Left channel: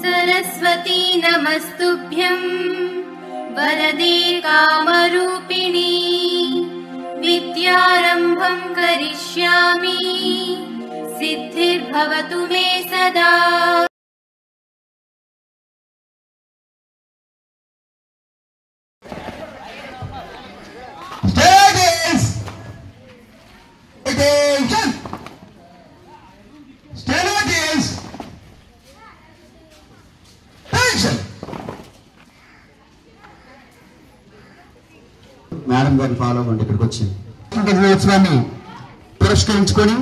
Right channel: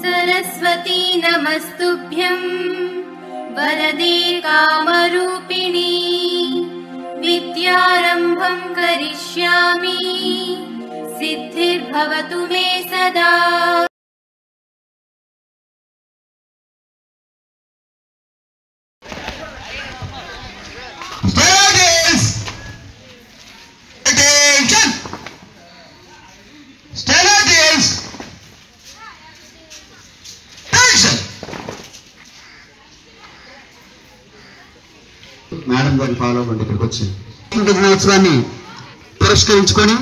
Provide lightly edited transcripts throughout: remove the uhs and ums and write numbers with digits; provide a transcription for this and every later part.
सरस्वती नमस्तुभ्यं वरदे कामरूपिणी विद्यारम्भं करिष्यामि सिद्धिर्भवतु मे सदा। మేడం గారిని ఫాలో అవ్వండి. ఇక్కడికి వచ్చి దినోత్సవాన్ని పురస్కరించుకొని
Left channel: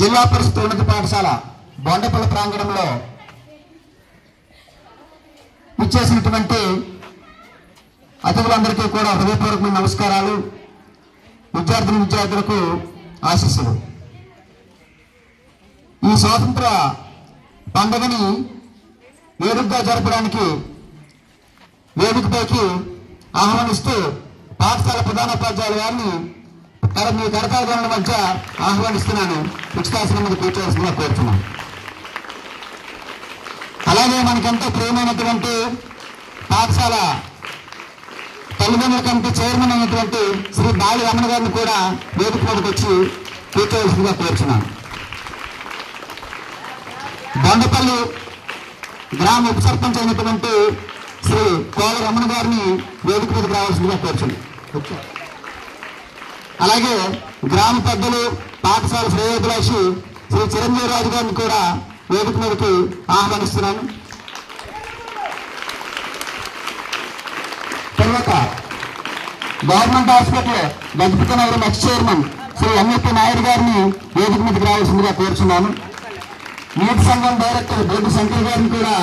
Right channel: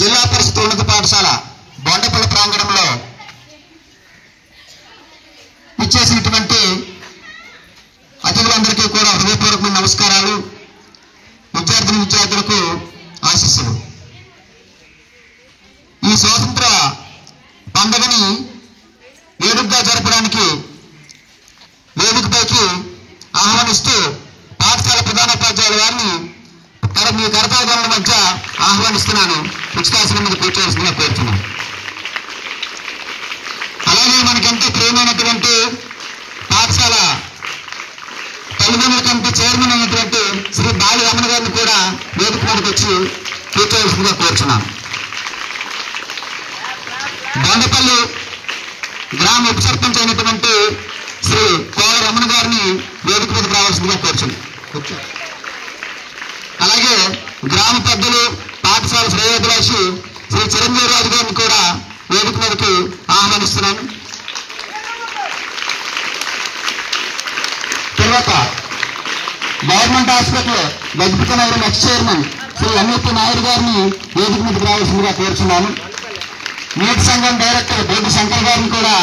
జిల్లా పరిషత్ ఉన్నత పాఠశాల బొండపల్లి ప్రాంగణంలో ఇచ్చేసినటువంటి అతిథులందరికీ కూడా హృదయపూర్వకమైన నమస్కారాలు, విద్యార్థులకు ఆశీస్సులు. ఈ స్వాతంత్ర పండుగని వేడుకగా జరపడానికి వేదికపైకి ఆహ్వానిస్తూ పాఠశాల ప్రధానోపాధ్యాయుల వారిని మీ కరతాళధ్వనుల మధ్య ఆహ్వానిస్తున్నాను. ఉచితాసనం మీద కూర్చోవలసిందిగా కోరుతున్నాను. అలాగే మనకెంతో ప్రియమైనటువంటి పాఠశాల తల్లిదండ్రుల కమిటీ చైర్మన్ అయినటువంటి శ్రీ బాలి రమణ గారిని కూడా వేదిక మీదకి వచ్చి కూర్చోవలసిందిగా కోరుతున్నాను. బొండపల్లి గ్రామ ఉప సర్పంచ్ అయినటువంటి శ్రీ కోల రమణ గారిని వేదిక మీదకి రావాల్సిందిగా కోరుచున్నాను. అలాగే గ్రామ పెద్దలు పాఠశాల శ్రేయోభిలాషి శ్రీ చిరంజీవి రాజు గారిని కూడా వేదిక మీదకి ఆహ్వానిస్తున్నాను. తర్వాత government hospital Gajapathinagaram ex chairman Shri Ammappa Naidu గారిని వేదిక మీదకి రావాల్సిందిగా కోరుచున్నాను. నీటి సంఘం డైరెక్టర్ బొడ్డు శంకర్ గారిని కూడా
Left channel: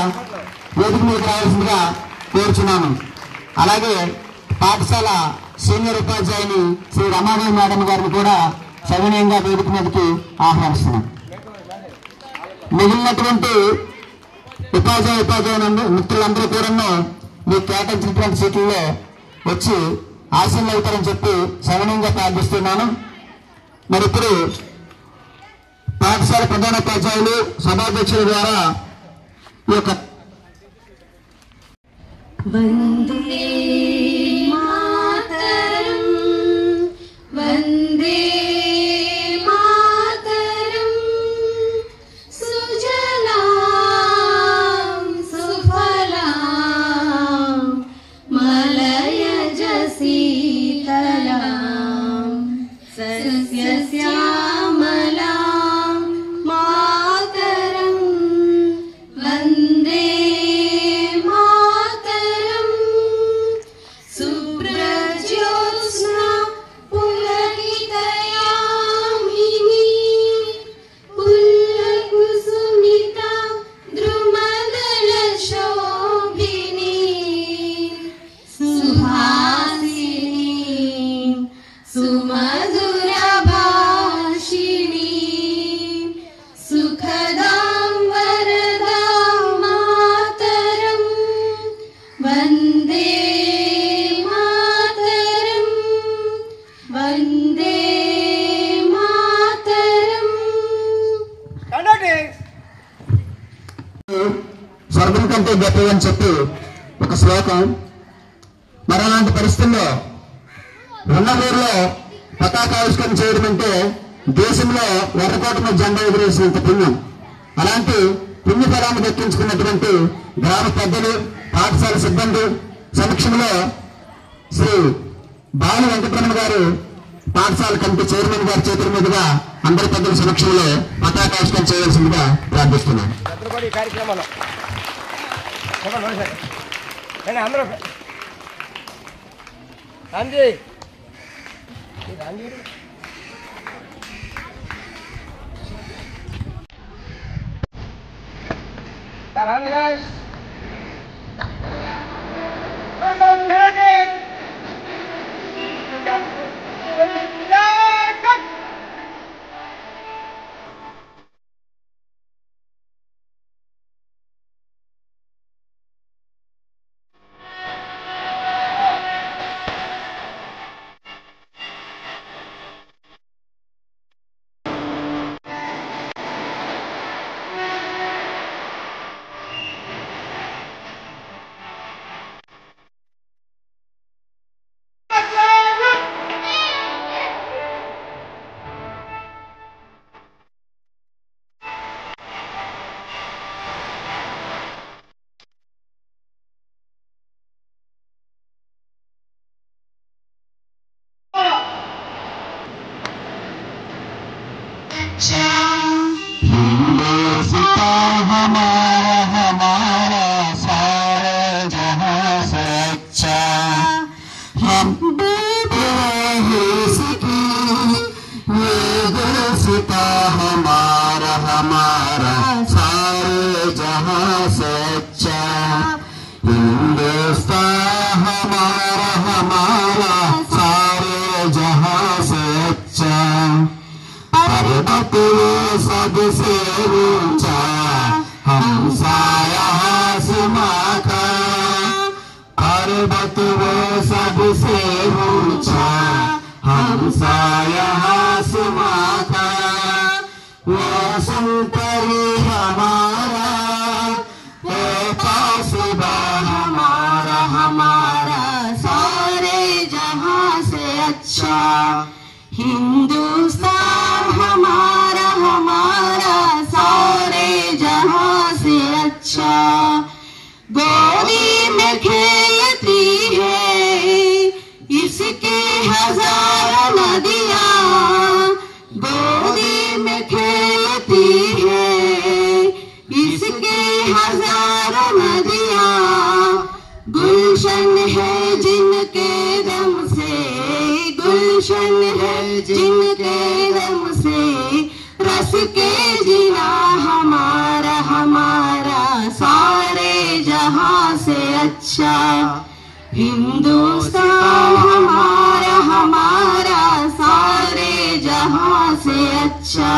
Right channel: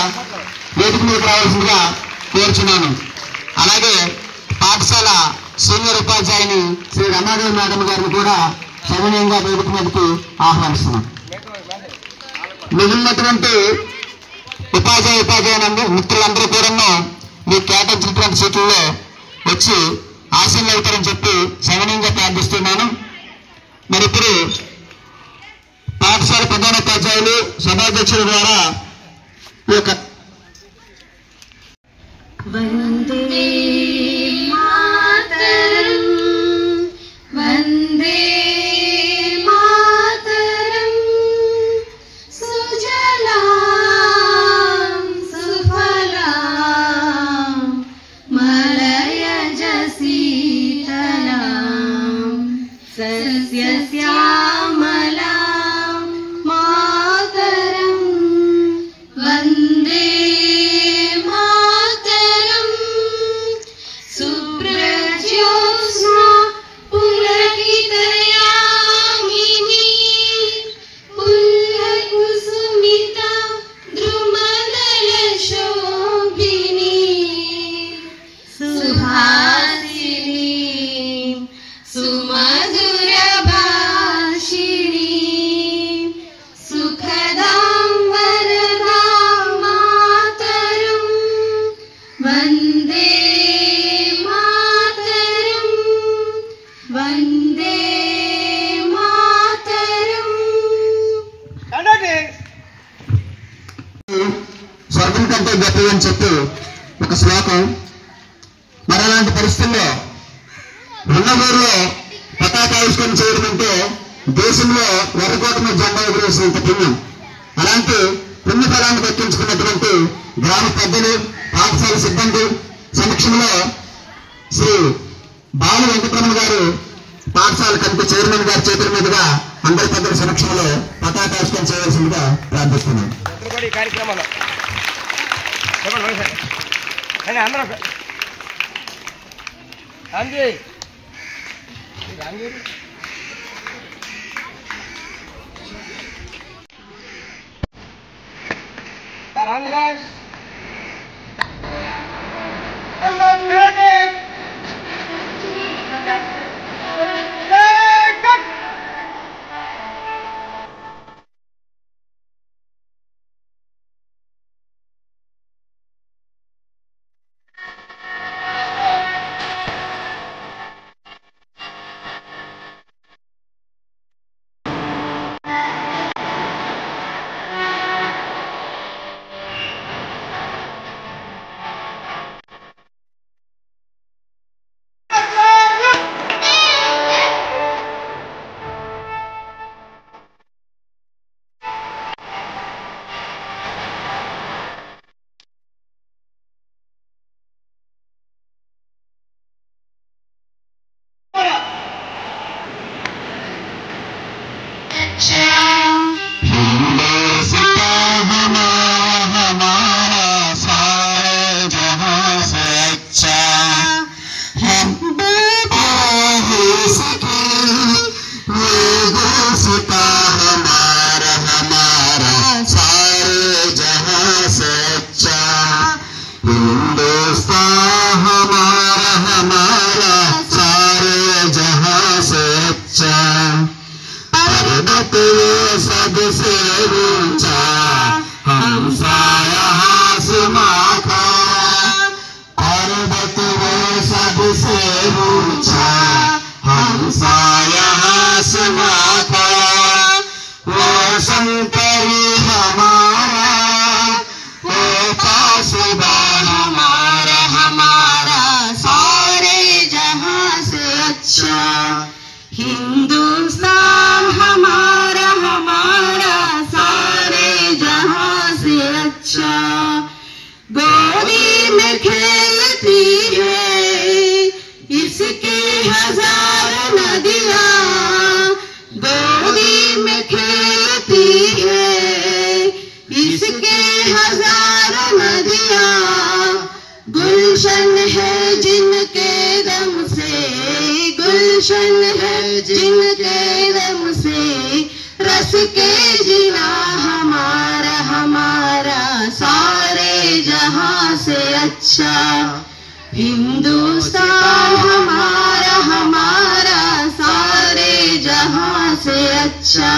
వేదిక మీదకి రావాల్సిందిగా కోరుచున్నాను. అలాగే పాఠశాల సీనియర్ ఉపాధ్యాయుని శ్రీ రమాదేవి మేడం గారిని కూడా సవినయంగా వేదిక మీదకి ఆహ్వానిస్తున్నాను. మిగిలినటువంటి ఉపాధ్యాయుని మిత్రులందరూ కూడా మీ కేటాయించినటువంటి సీట్లలో వచ్చి ఆశీర్లు అవుతారని చెప్పి సవినయంగా ప్రార్థిస్తున్నాను. మరి ఇప్పుడు పాఠశాల ప్రధానోపాధ్యాయులు సభాధ్యక్షుల ద్వారా ఈ యొక్క వందే మాతరం వందే మాతరం సుజలాం సుఫలాం మలయజ శీతలాం సస్యశ్యామలాం మాతరం వందే స్వర్గం కంటే గొప్పది అని చెప్పి ఒక శ్లోకం. మరి అలాంటి పరిస్థితుల్లో ఉన్న ఊరిలో పతాకావిష్కరణ చేయడం అంటే దేశంలో ఎర్రకోట మీద జెండా ఎగురేసినంత పుణ్యం. అలాంటి పుణ్యఫలాన్ని దక్కించుకున్నటువంటి గ్రామ పెద్దలు పాఠశాల సిబ్బంది సమక్షంలో శ్రీ బాలు వెంకటరమణ గారు పాఠశాల కమిటీ చైర్మన్ గారి చేతుల మీదుగా అందరి పెద్దల సమక్షంలో పతాకావిష్కరణ చేయవలసిందిగా ప్రార్థిస్తున్నాను. ऊंचा हमसा यहाँ आसमां का पर्वत वो सबसे ऊंचा हमसा यहाँ आसमां का वो शंकरी हमारा वो पासबान हमारा हमारा सारे जहां से अच्छा हिंदुस्तान हमारा हमारा सारे जहां से अच्छा गोदी में खेलती है इसकी हजार नदियां गोदी में खेलती है इसकी हजार नदियां गुलशन है जिनके दम से गुलशन है जिनके दम से रस के जिला हमारा हमारा सारे जहां से अच्छा हिंदुस्तान हमारा हमारा सारे जहां से अच्छा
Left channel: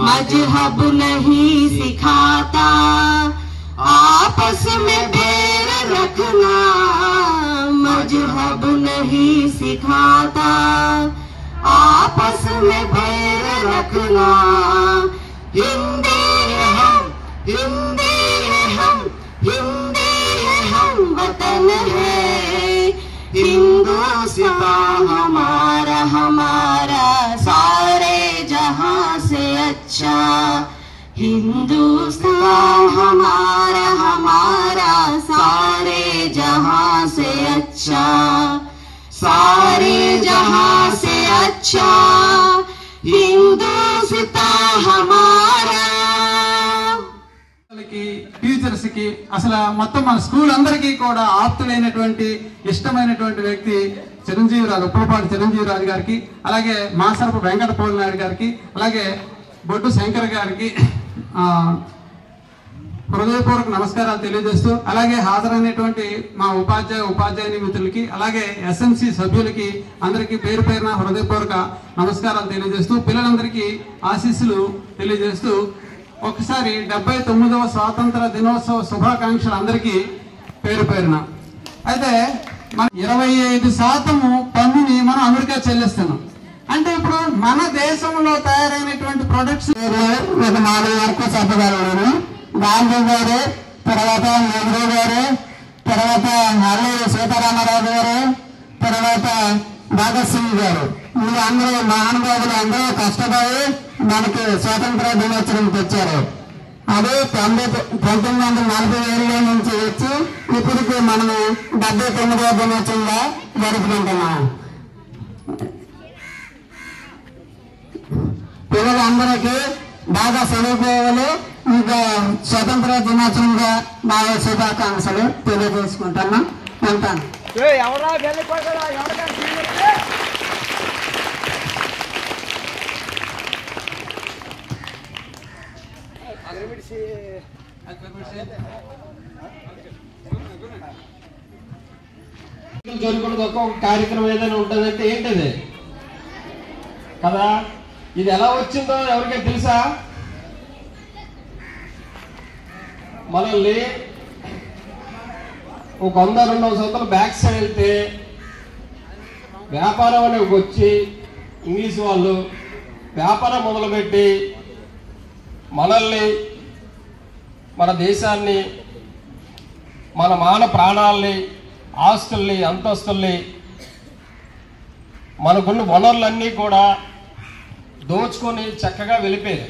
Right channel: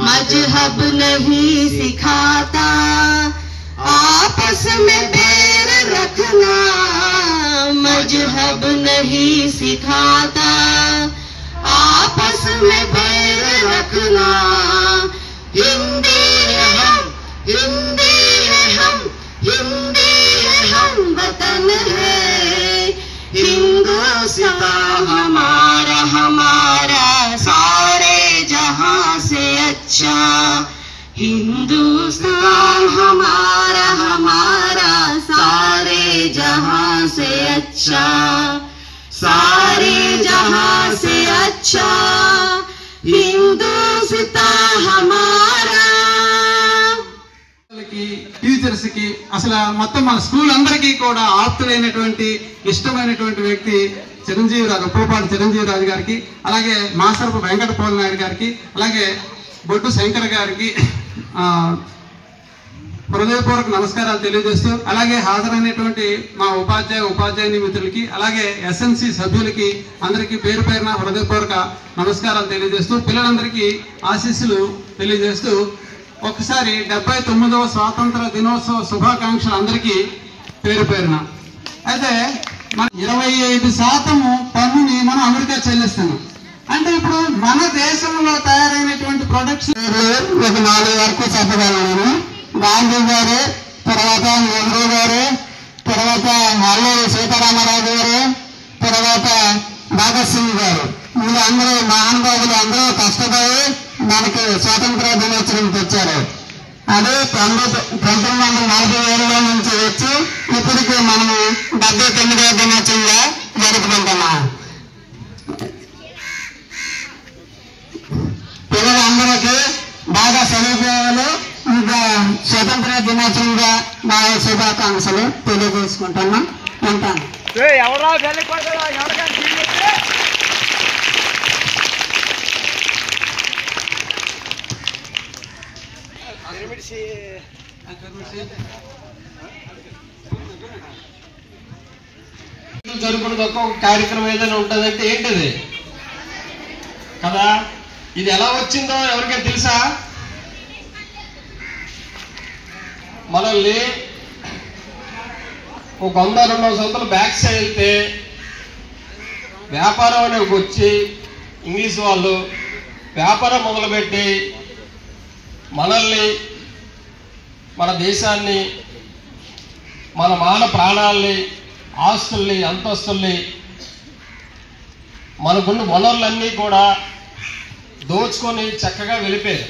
मजहब नहीं सिखाता आपस में बैर रखना मजहब नहीं सिखाता आपस में बैर रखना हिंदी है हम हिंदी है हम हिंदी है हम वतन है हिंदुस्तान हमारा हमारा सारे जहां से अच्छा हिंदुस्तान हमारा हमारा सारे जहां से अच्छा सारे जहां से अच्छा हिंदुस्तान हमारा టీచర్స్ కి అసలు మొత్తం మన స్కూల్ అందరికీ కూడా ఆప్తులైనటువంటి ఇష్టమైనటువంటి వ్యక్తి చిరంజీవిరాజు ఉప్పలపాటి చిరంజీవిరాజు గారికి అలాగే మాసరపు వెంకట పోలినాయుడు గారికి అలాగే బొడ్డు శంకర్ గారికి హృదయపూర్వక నమస్కారాలు తెలియజేస్తూ అలాగే హాజరైనటువంటి మా ఉపాధ్యాయుని మిత్రులకి అలాగే ఎస్ఎంసి సభ్యులకి అందరికీ పేరు పేరున హృదయపూర్వక నమస్కారాలు తెలియజేస్తూ పిల్లలందరికీ ఆశీస్సులు తెలియజేస్తూ ఒకసారి 79వ స్వాతంత్ర దినోత్సవ శుభాకాంక్షలు అందరికీ పేరు పేరున. అయితే మన 25% పన్నుని మనం అమెరికా చెల్లిస్తున్నాం. అంటే ఇప్పుడు మన దేశంలో తయారైనటువంటి ప్రొడక్ట్స్ ఒక 4 వరకు చెప్పగలను. గాంధీ గారు, తర్వాత నెహ్రూ గారు, తర్వాత అల్లూరి సీతారామరాజు గారు, తర్వాత భగత్ సింగ్ గారు, అందరూ మహానుభావులు అందరూ కష్టపడి మనకి స్వాతంత్ర దినోత్సవం తెచ్చారు. అది 1947లో నుంచి వచ్చి ఇప్పటికి మనము 79వ దినోత్సవంగా జరుపుకుంటున్నాం. పిల్లలందరికీ బాగా చదువుకోవాలి. ఇంకా స్వతంత్ర దినోత్సవంగా బాగా శుభాకాంక్షలు తెలియజేసుకుంటున్నాం. ఉంటాను. జరుగుతున్న ఒక్కొక్క కార్యక్రమం ఏదైనా ఉంటుందంటే ఏంటిది కదా. ఇది ఎలా వచ్చిందో ఎవరికైనా తెలుసా? మనల్ని ఒక 100-200 సంవత్సరాలు బ్యాక్ సైడ్ వెళ్తే వ్యాపారం అనేది వచ్చి ఇంగ్లీష్ వాళ్ళు వ్యాపారం మొదలుపెట్టి మనల్ని, మన దేశాన్ని, మన మానవ ప్రాణాలని, ఆస్తుల్ని, అంతస్తుల్ని, మనకున్న వనరులన్నీ కూడా దోచుకొని చక్కగా వెళ్ళిపోయారు.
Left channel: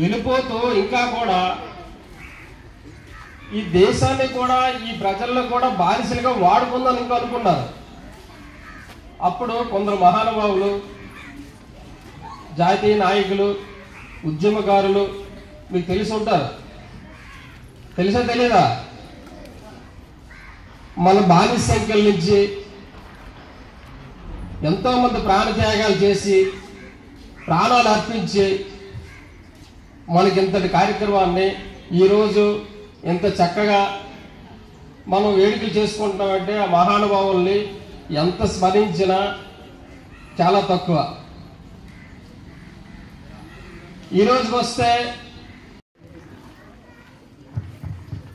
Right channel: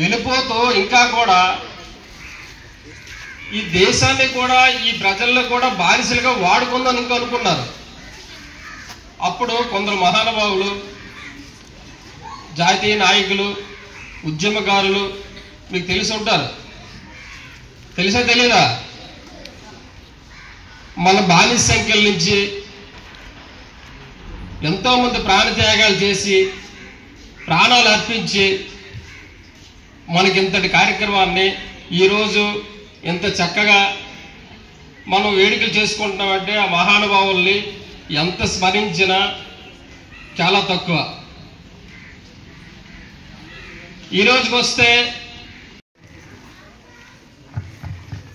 వెళ్ళిపోతూ ఇంకా కూడా ఈ దేశాన్ని కూడా ఈ ప్రజల్లో కూడా బానిసలుగా వాడుకుందని ఇంకా అనుకున్నారు. అప్పుడు కొందరు మహానుభావులు, జాతీయ నాయకులు, ఉద్యమకారులు మీకు తెలిసి ఉంటారు. తెలుసా తెలీదా? మన బానిస సంఖ్యల నుంచి ఎంతోమంది ప్రాణత్యాగాలు చేసి ప్రాణాలు అర్పించి మనకి ఇంతటి కార్యక్రమాన్ని ఈరోజు ఎంత చక్కగా మనం వేడుకలు చేసుకుంటున్నామంటే ఆ మహానుభావుల్ని ఎంత స్మరించినా చాలా తక్కువ. ఈ రోజుకి వస్తే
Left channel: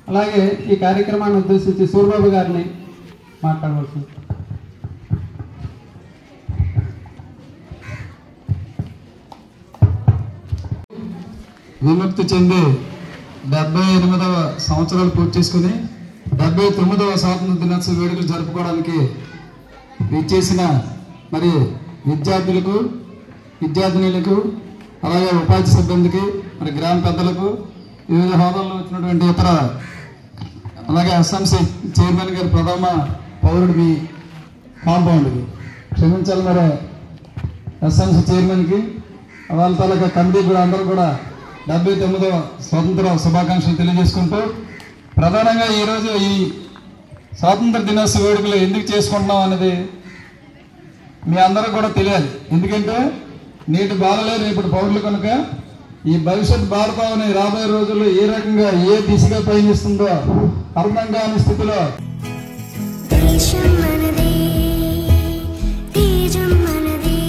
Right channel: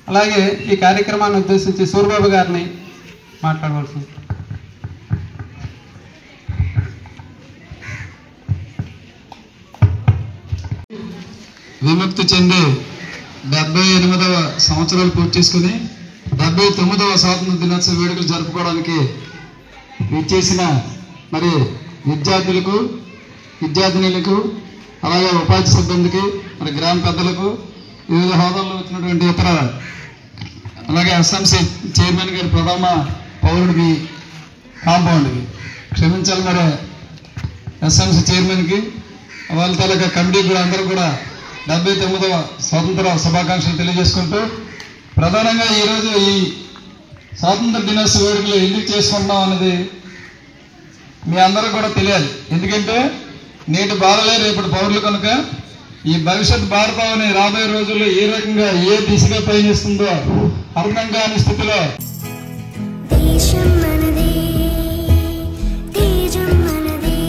అలాగే ఈ కార్యక్రమాన్ని ఉద్దేశించి సూర్యబాబు గారిని మాట్లాడవలసింది. విముక్తి చెంది 78వ సంవత్సరాలు పూర్తి చేసుకుని 79వ స్వాతంత్ర దినోత్సవ వేడుకలు జరుపుకోవడానికి విచ్చేసిన మరి విద్యార్థులకు, విద్యార్థినులకు, అలాగే ఉపాధి సిబ్బందికి, మరి గ్రామ పెద్దలకు, వివిధ హోదాల్లో వచ్చినటువంటి ఇతర, అలాగే ఎస్ఎంసీ చైర్మన్ గారి ప్రథమ పౌరుడికి, కాంపౌండ్కి క్షమించాలి, మరి ఎస్ఎంసీ చైర్మన్కి, వాళ్ళ తాలూకా కమిటీ కూడా అందరూ కూడా 79వ స్వాతంత్ర శుభాకాంక్షలు తెలియజేసుకుంటూ, ప్రధానంగా ఈరోజు ఈ స్వాతంత్ర దినోత్సవ వేడుకలు ఎందుకు చేసుకుంటున్నాం అన్నది మీ అందరూ కూడా తెలియాలి. ఎందుకంటే నేటి బాలలే రేపటి పౌరులు కనుక ఈ భవిష్యత్ భారతావని రాబోయే రోజుల్లో ఏ రకంగా ఏ దిశగా పయనిస్తుందో అర్థం కాని స్థితిలో దేశం మనదే, తేజం మనదే,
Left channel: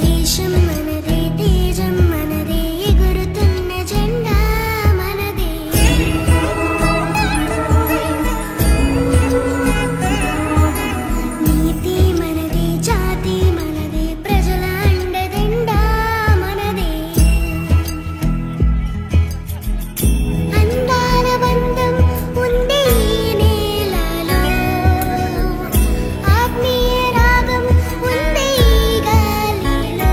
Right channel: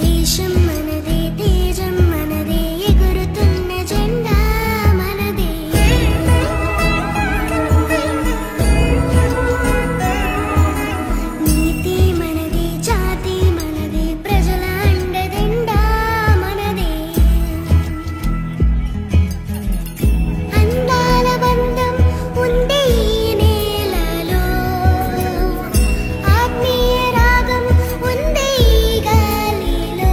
దేశం మనదే, తేజం మనదే, ఎగురుతున్న జెండా మనదే. నీతి మనదే, జాతి మనదే, ప్రజల అండదండా మనదే. అందాల బంధం ఉంది ఈ నేలలో, ఆత్మీయ రాగం ఉంది ఈ గాలిలో.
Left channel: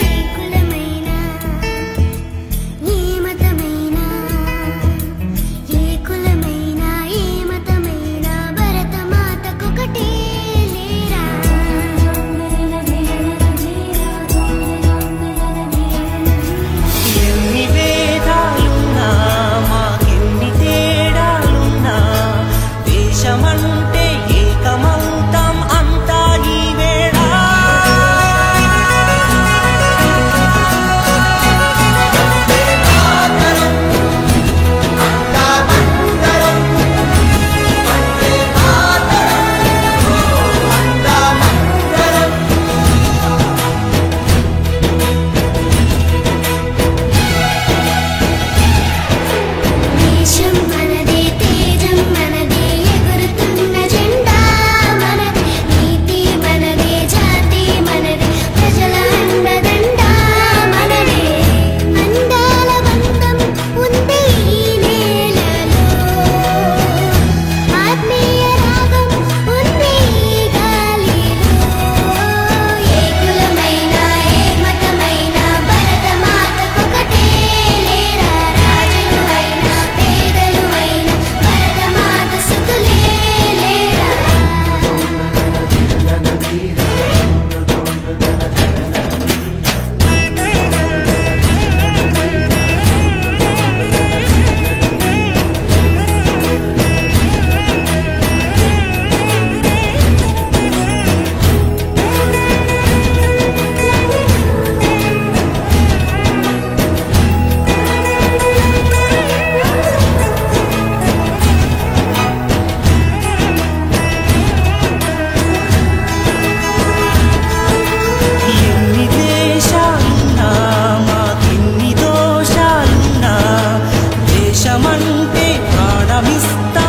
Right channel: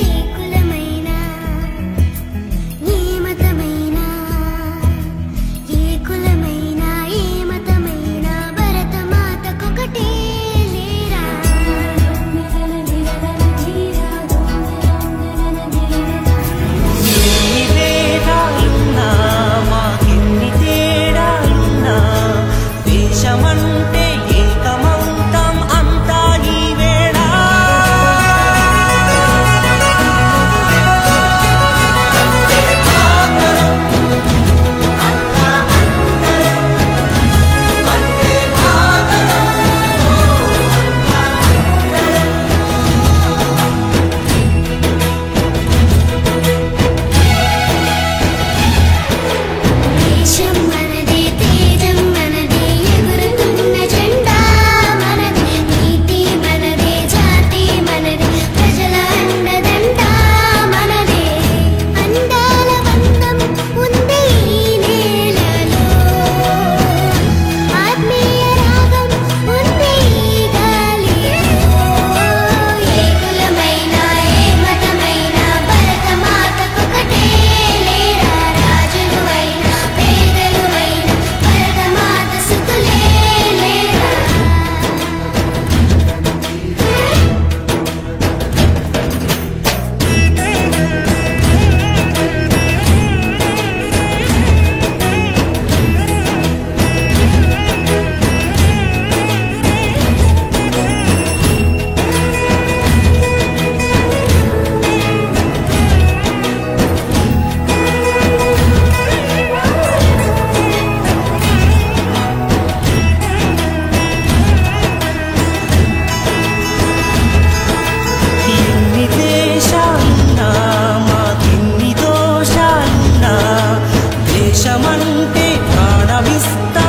ఏ కులమైనా, ఏ మతమైనా, ఏ కులమైనా, ఏ మతమైనా, భరతమాతకొకటే లేరా. ఎన్ని భేదాలున్నా, మాకెన్ని తేడాలున్నా, దేశమంటే ఏకమౌతాం అంతా ఈ వేళ. దేశం మనదే, తేజం మనదే, ఎగురుతున్న జెండా మనదే. నీతి మనదే, జాతి మనదే, ప్రజల అండదండా మనదే. అందాల బంధం ఉంది ఈ నేలలో, ఆత్మీయ రాగం ఉంది ఈ గాలిలో. ఏ కులమైనా, ఏ మతమైనా, భరతమాతకొకటే లేరా. రాజులు అయినా, పేదలు అయినా, భరతమాత సుతులే లేరా. ఎన్ని దేశాలున్నా, మాకెన్ని దోషాలున్నా, దేశమంటే ప్రాణమిస్తా